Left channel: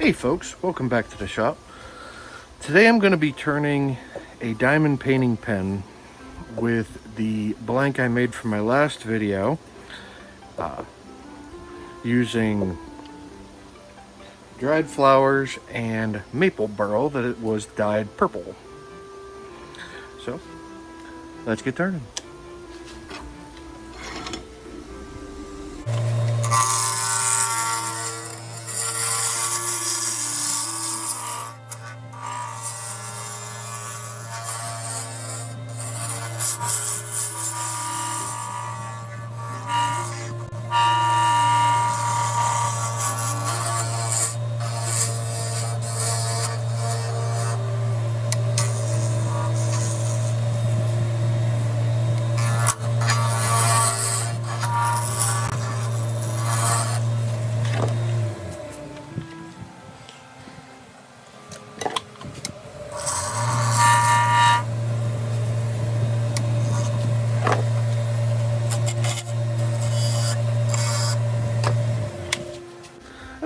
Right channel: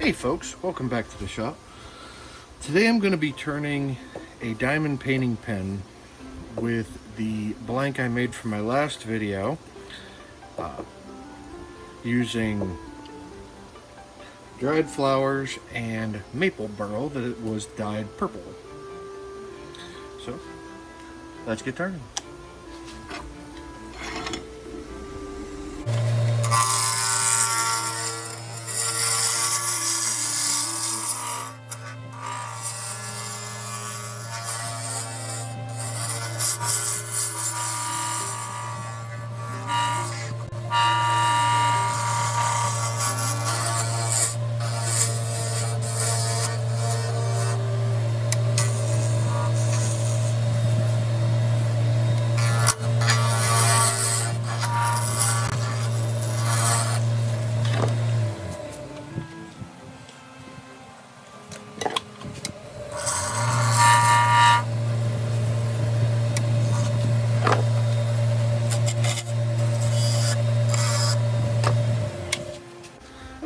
Hey folks, welcome back to the shop. Today I'm going to be turning a diamond painting pen with the blank I made for my last video using dried flowers and maple burl that it was dyed purple. So let's get turning.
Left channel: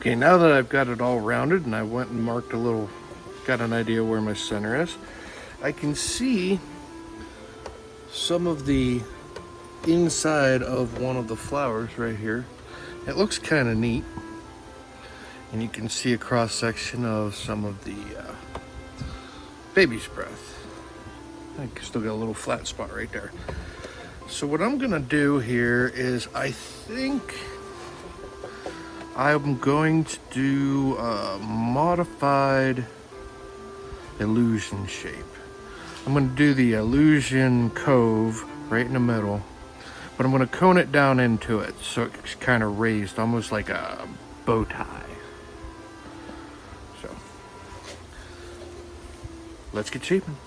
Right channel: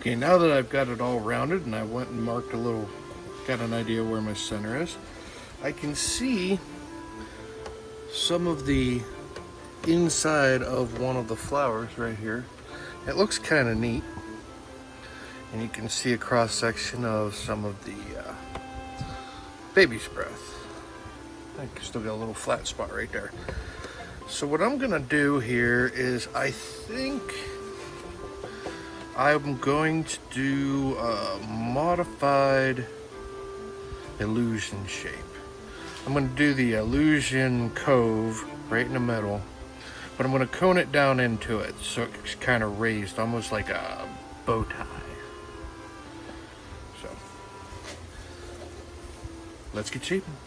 Okay, now that I've got it all rounded and I went and marked got an idea where my center is, I can see some of the inside of one of the flowers right here. It looks kind of neat. And you can see a cross section of some of the baby's breath. I still got a little flat spot right there. So what I'm gonna do here is I think I'm going to do a modified illusion shape. I'm going to do the illusion cove right in the middle, but I'm going to cone it down into it so it's kind of raised, almost like a bow tie. So let's get shaping.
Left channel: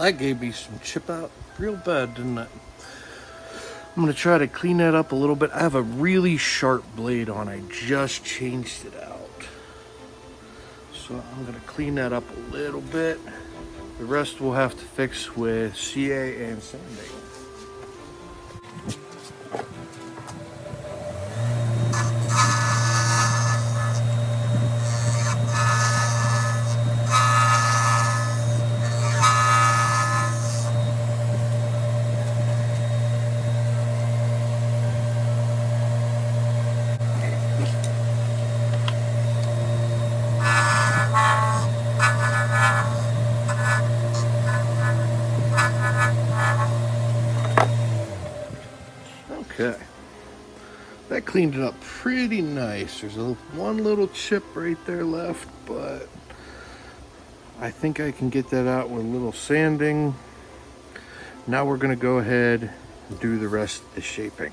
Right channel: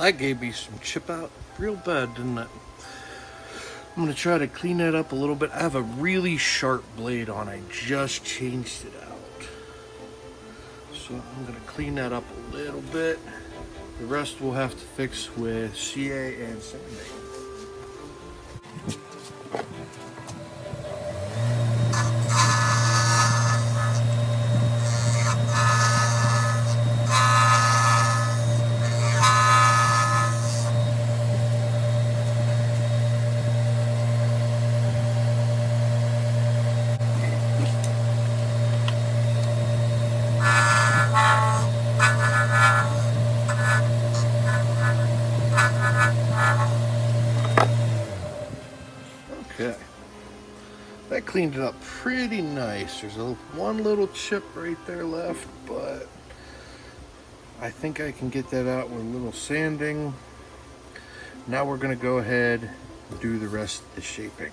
Well, that gave me some chip out real bad, didn't it? I'm going to try to clean that up a little bit. I have a really sharp blade on. I just changed it out. So I'm going to clean that up a little bit. The rest we'll have to fix with CA and sanding. Okay, that cleaned it up pretty nice. There's one little chip right there left, but I think I can get that out with a little sanding. Now we're going to go ahead and do the rest of the shaping.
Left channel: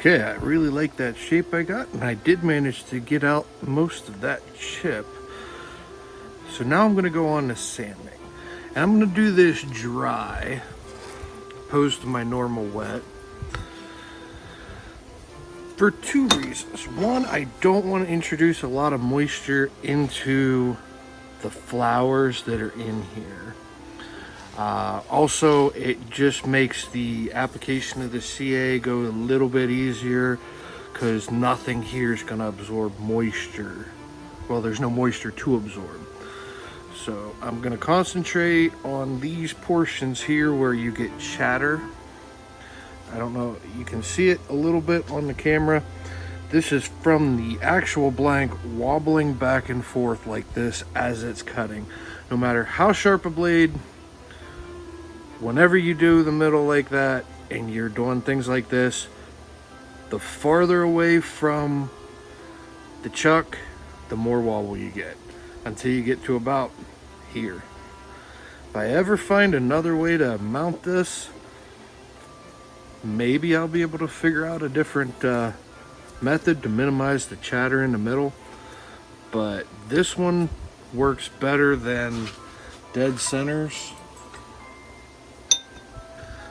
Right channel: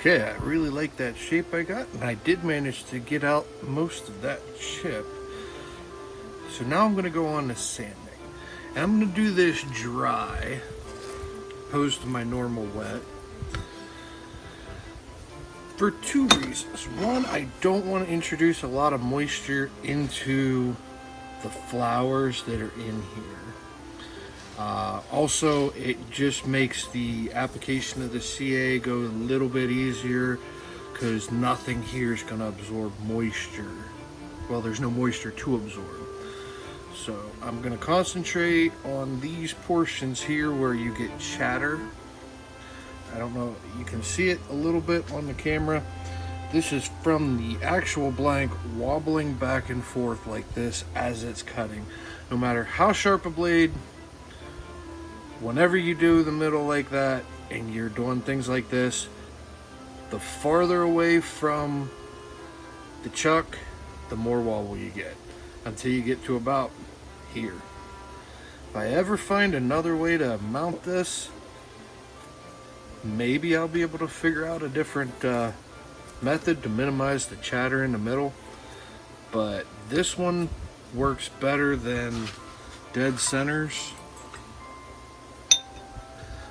Okay, I really like that shape I got, and I did manage to get out most of that chip. So now I'm going to go on to sanding. And I'm going to do this dry. opposed to my normal wet. For two reasons. One, I don't want to introduce a lot of moisture into the flowers that are in here. Also, it just makes the application of the CA go a little bit easier because nothing here is going to absorb moisture. Well, there's no moisture to absorb. So I'm going to concentrate on these portions here where you get chatter. I don't know, you can see it a little bit on the camera. This is from the actual blank wobbling back and forth like this as it's cutting. No matter how sharp a blade, whenever you do the middle like that and you're doing things like this, the farther away from the chuck, the more wobble you get, until you get to about here. If I ever find another way to mount this, maybe I'll be able to figure out a different method to minimize the chatter in the middle, but this one works better than dead centers.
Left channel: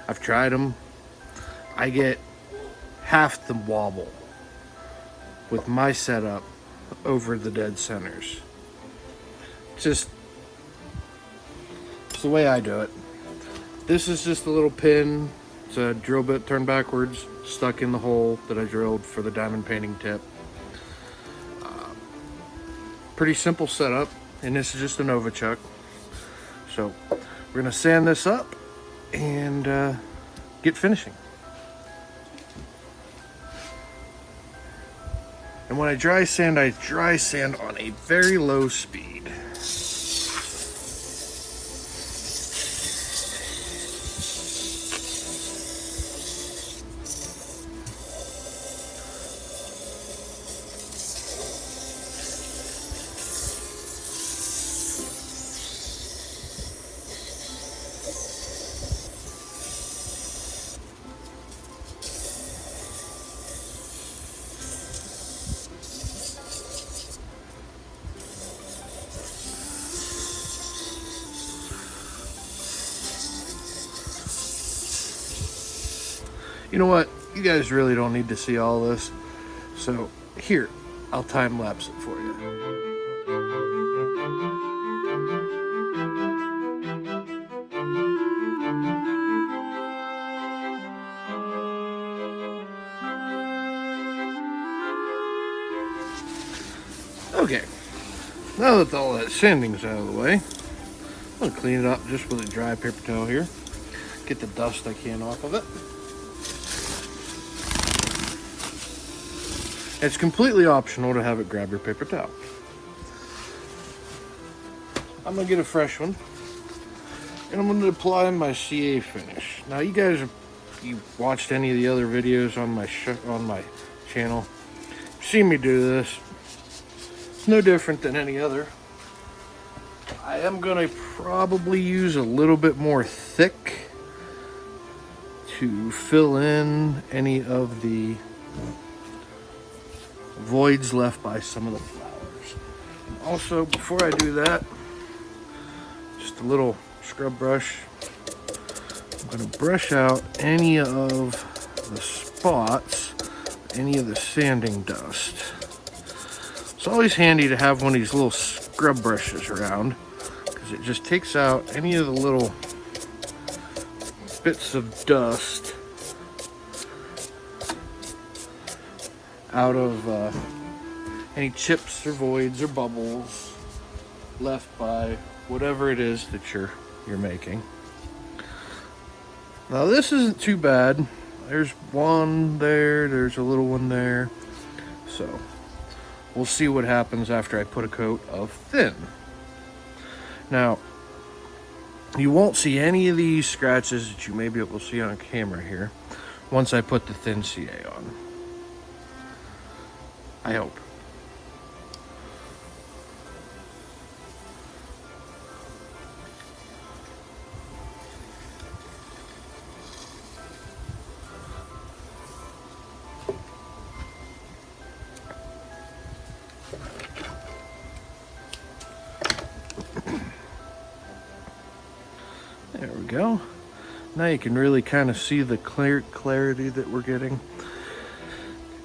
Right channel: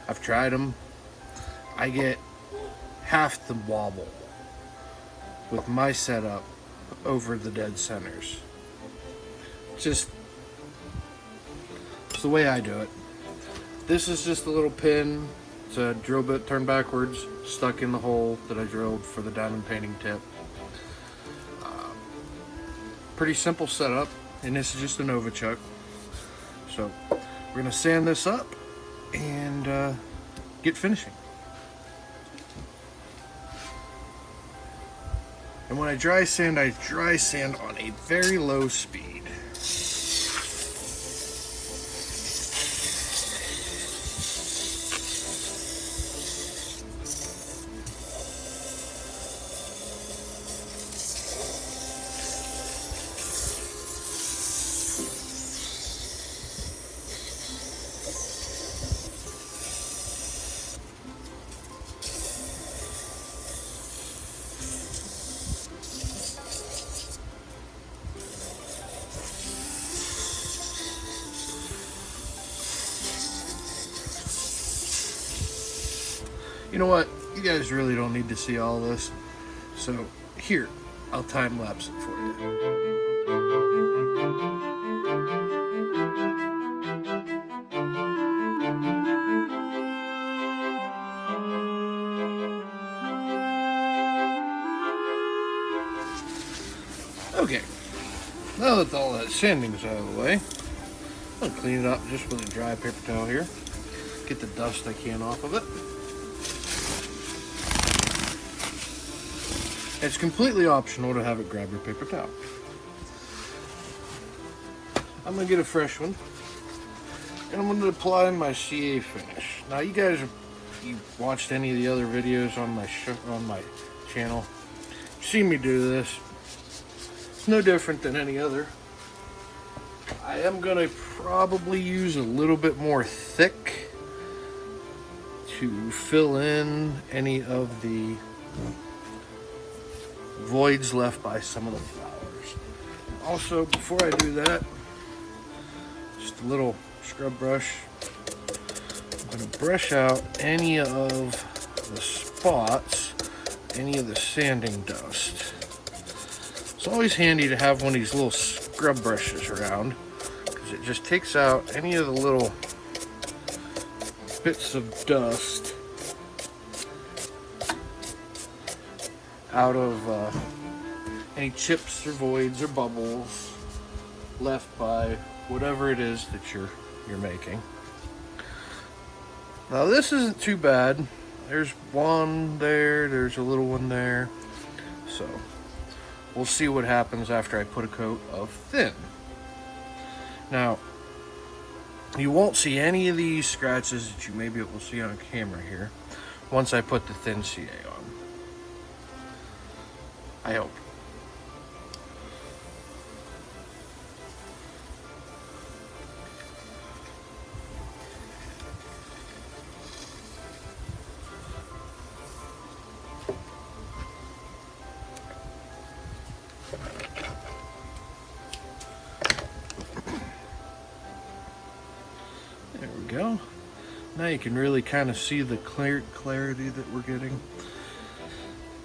I've tried them. I get half the wobble with my setup over the dead centers. It's the way I do it. This is just a little pin. It's a drill bit turned backwards, stuck in the hole that I drilled for the diamond painting tip. Pretty simple setup, and this is just a Nova chuck. So we're gonna sand this up and get finishing. And when I dry sand on a very low speed. You know what? You guys really don't need to see all this. So here, I'll time lapse it for you. Okay, now that all that sanding's out of the way, I'm gonna clean it up just with a dry paper towel here. Get the dust I can off of it. It's completely optional to have it grab your paper towel. I'm gonna get a fresh one, and I'm gonna apply my CA finish. Now, you guys, you watched any of the other videos on my channel, you've seen me do this. It's no different than any other. I am gonna probably use a little bit more thick to fill in any of the voids left by some of the flowers. Also, before I do that, just a little scrub brush. I'm going to brush out any of the spots, any of the sanding dust. It's always handy to have one of these little scrub brushes around, because it just takes out any of the little bits of dust out of any chips or voids or bubbles left by whatever it is that you're making. Now, this isn't too bad. There's one there, there's a little one there. So we'll see what happens after I put a coat of thin. Now, you won't see any of these scratches that you may be able to see on camera here once I put the thin CA on. I hope. There we go. Now you can really kind of see the clarity that we're getting.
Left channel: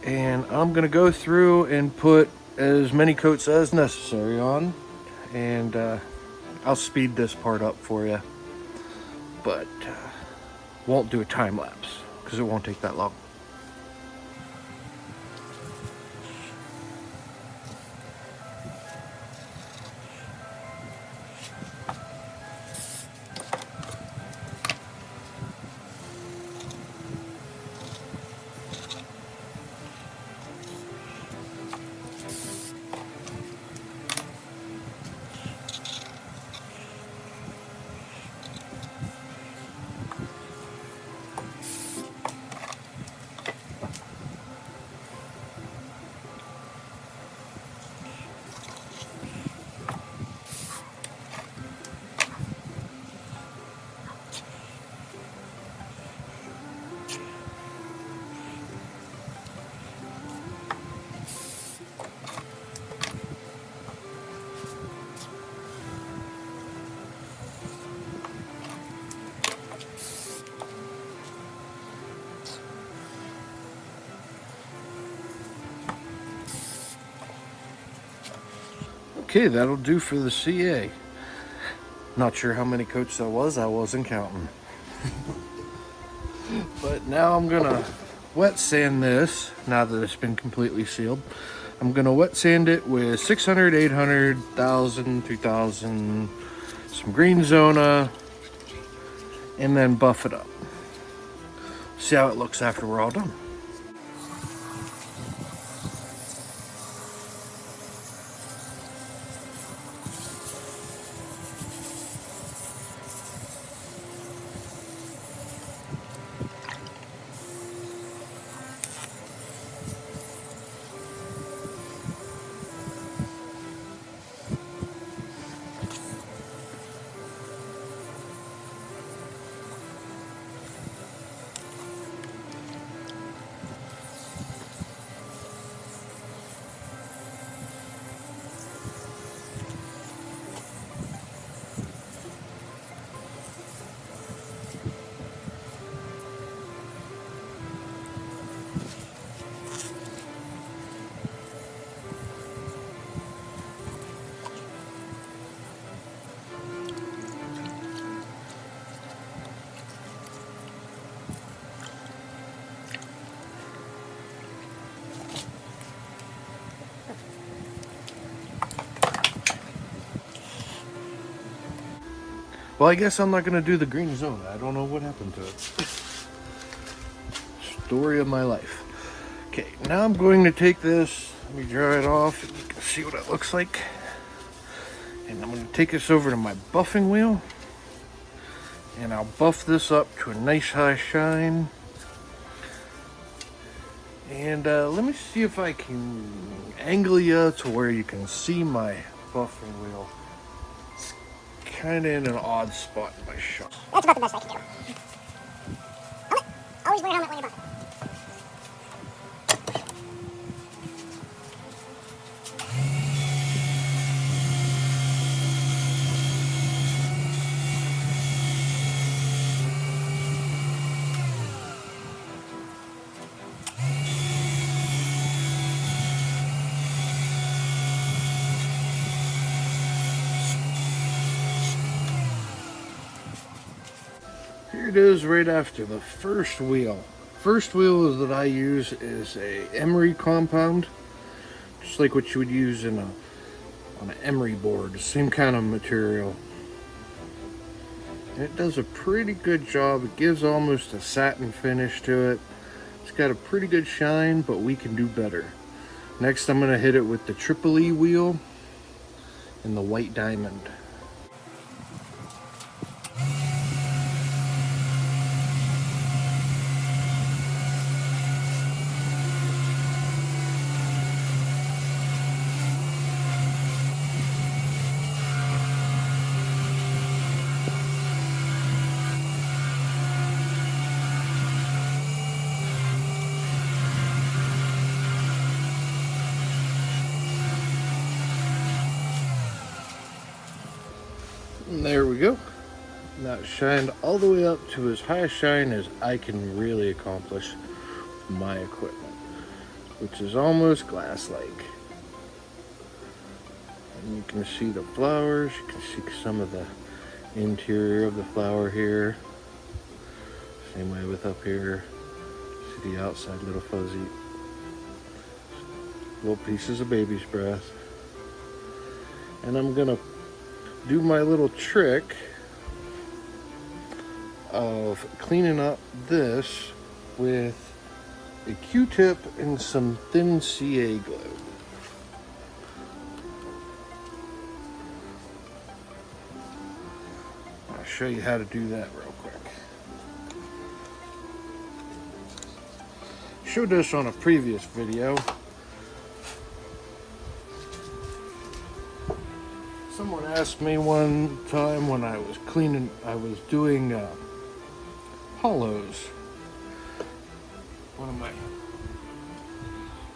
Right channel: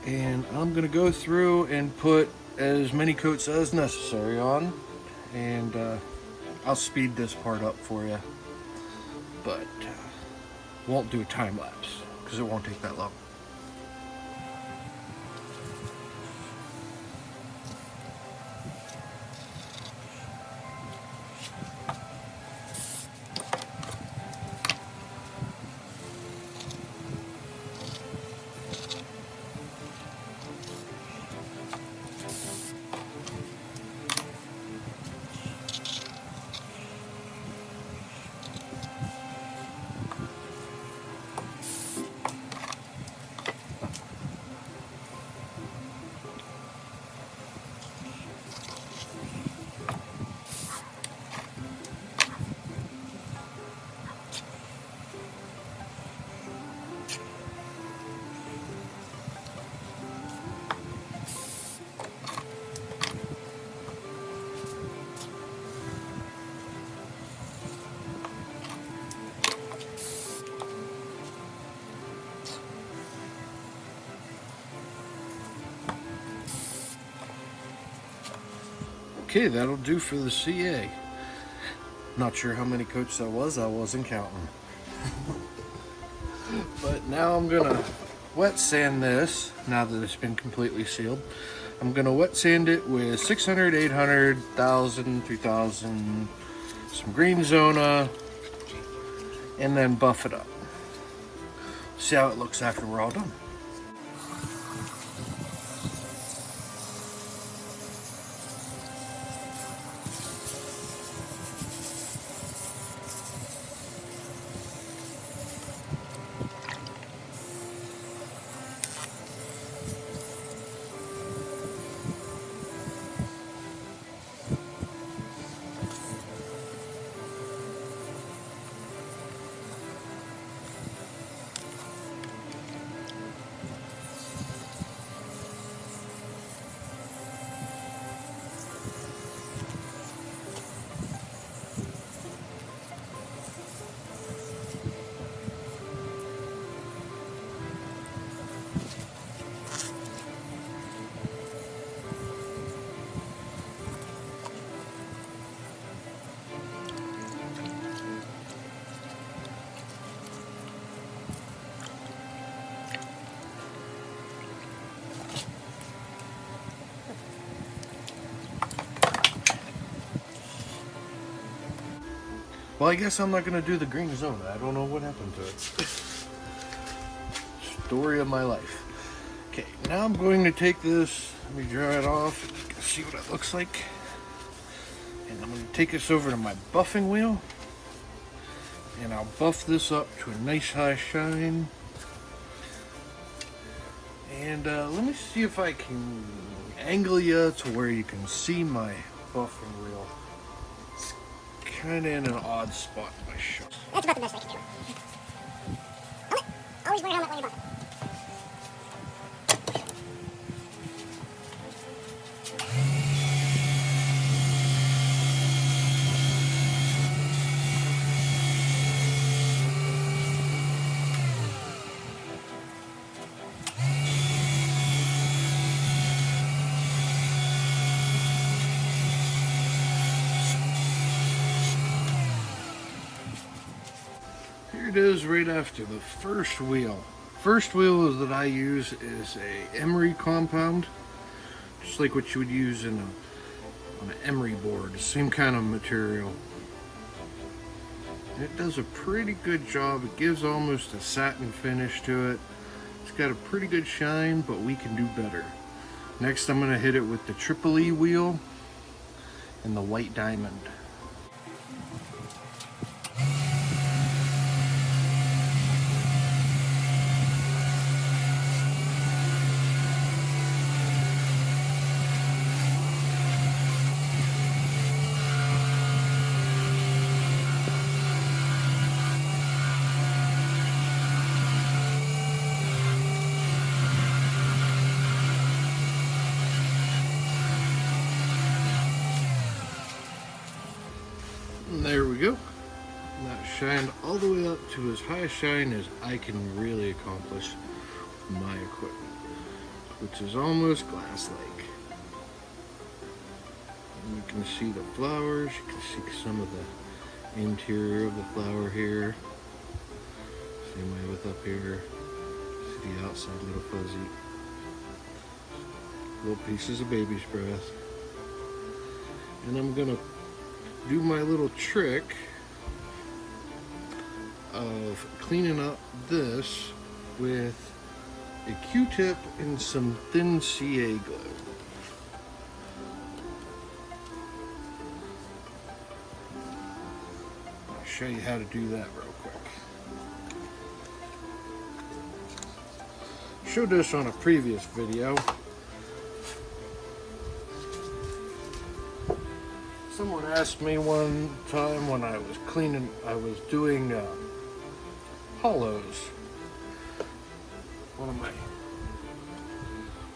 And I'm gonna go through and put as many coats as necessary on, and I'll speed this part up for you, but won't do a time lapse because it won't take that long. Okay, that'll do for the CA. Not sure how many coats that was, I wasn't counting. But now I'm gonna wet sand this, now that it's been completely sealed. I'm gonna wet sand it with 600, 800, 1000, 2000, some green zona, and then buff it up. See how it looks after we're all done. Well, I guess I'm not gonna do the green zone. I don't know what happened to it. Story of my life. Okay, now I'm going to take this, let me dry it off, see what it looks like. And I'm gonna take this over to my buffing wheel, and I'll buff this up to a nice high shine. And let me see if I can angle you to where you can see my buffing wheel. Kind of in an odd spot in my shot. That's about the best I can do. Helmet. Always wear a helmet when you're buffing. Here it is right after the first wheel. First wheel that I use is a Emery Compound, just like what you would use in on an Emery board, same kind of material. And it does a pretty good job. It gives almost a satin finish to it. It's got a pretty good shine, but we can do better. Next, I'm gonna hit it with the Triple E wheel and the white diamond. And there we go. not shined all the way up to as high a shine as I can really accomplish my equipment, which is almost glass-like. And you can see the flowers, you can see some of the interior of the flower here. Same way with up here. See the outside little fuzzy. Little pieces of baby's breath. And I'm gonna do my little trick of cleaning up this with a Q-tip and some thin CA glue. I'll show you how to do that real quick. Showed this on a previous video. Someone asked me one time when I was doing hollows, one of my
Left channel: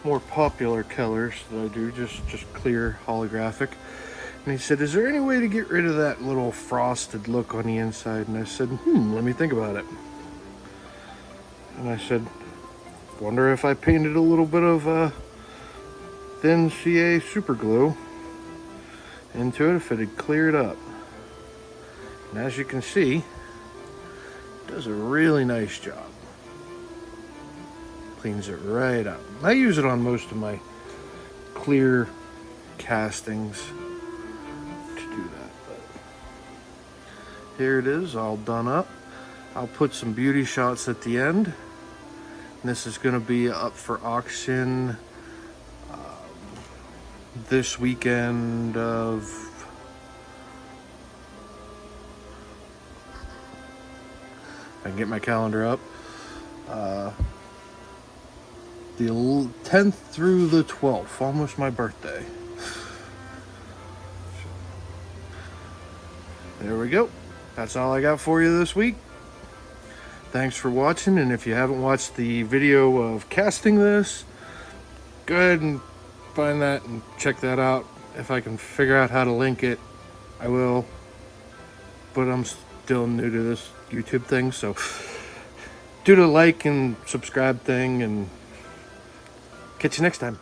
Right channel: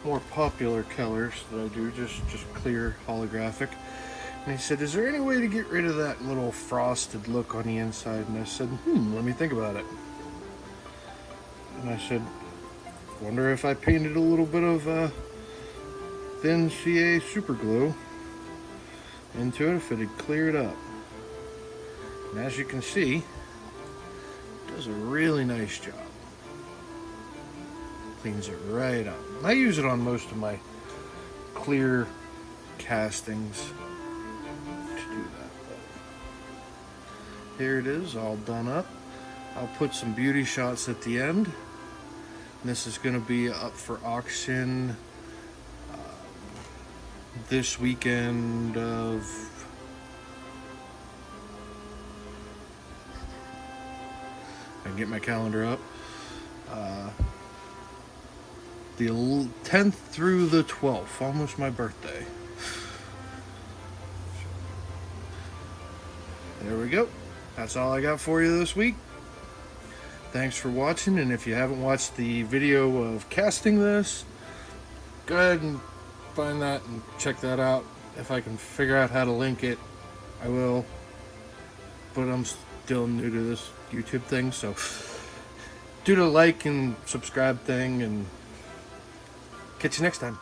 more popular colors that I do, just clear holographic. And he said, is there any way to get rid of that little frosted look on the inside? And I said, let me think about it. And I said, wonder if I painted a little bit of thin CA super glue into it, if it had cleared up. And as you can see, it does a really nice job. Cleans it right up. I use it on most of my clear castings to do that. Here it is, all done up. I'll put some beauty shots at the end. And this is going to be up for auction this weekend of I can get my calendar up, the 10th through the 12th, almost my birthday. There we go. That's all I got for you this week. Thanks for watching, and if you haven't watched the video of casting this, go ahead and find that and check that out. If I can figure out how to link it, I will. But I'm still new to this YouTube thing, so do the like and subscribe thing, and catch you next time.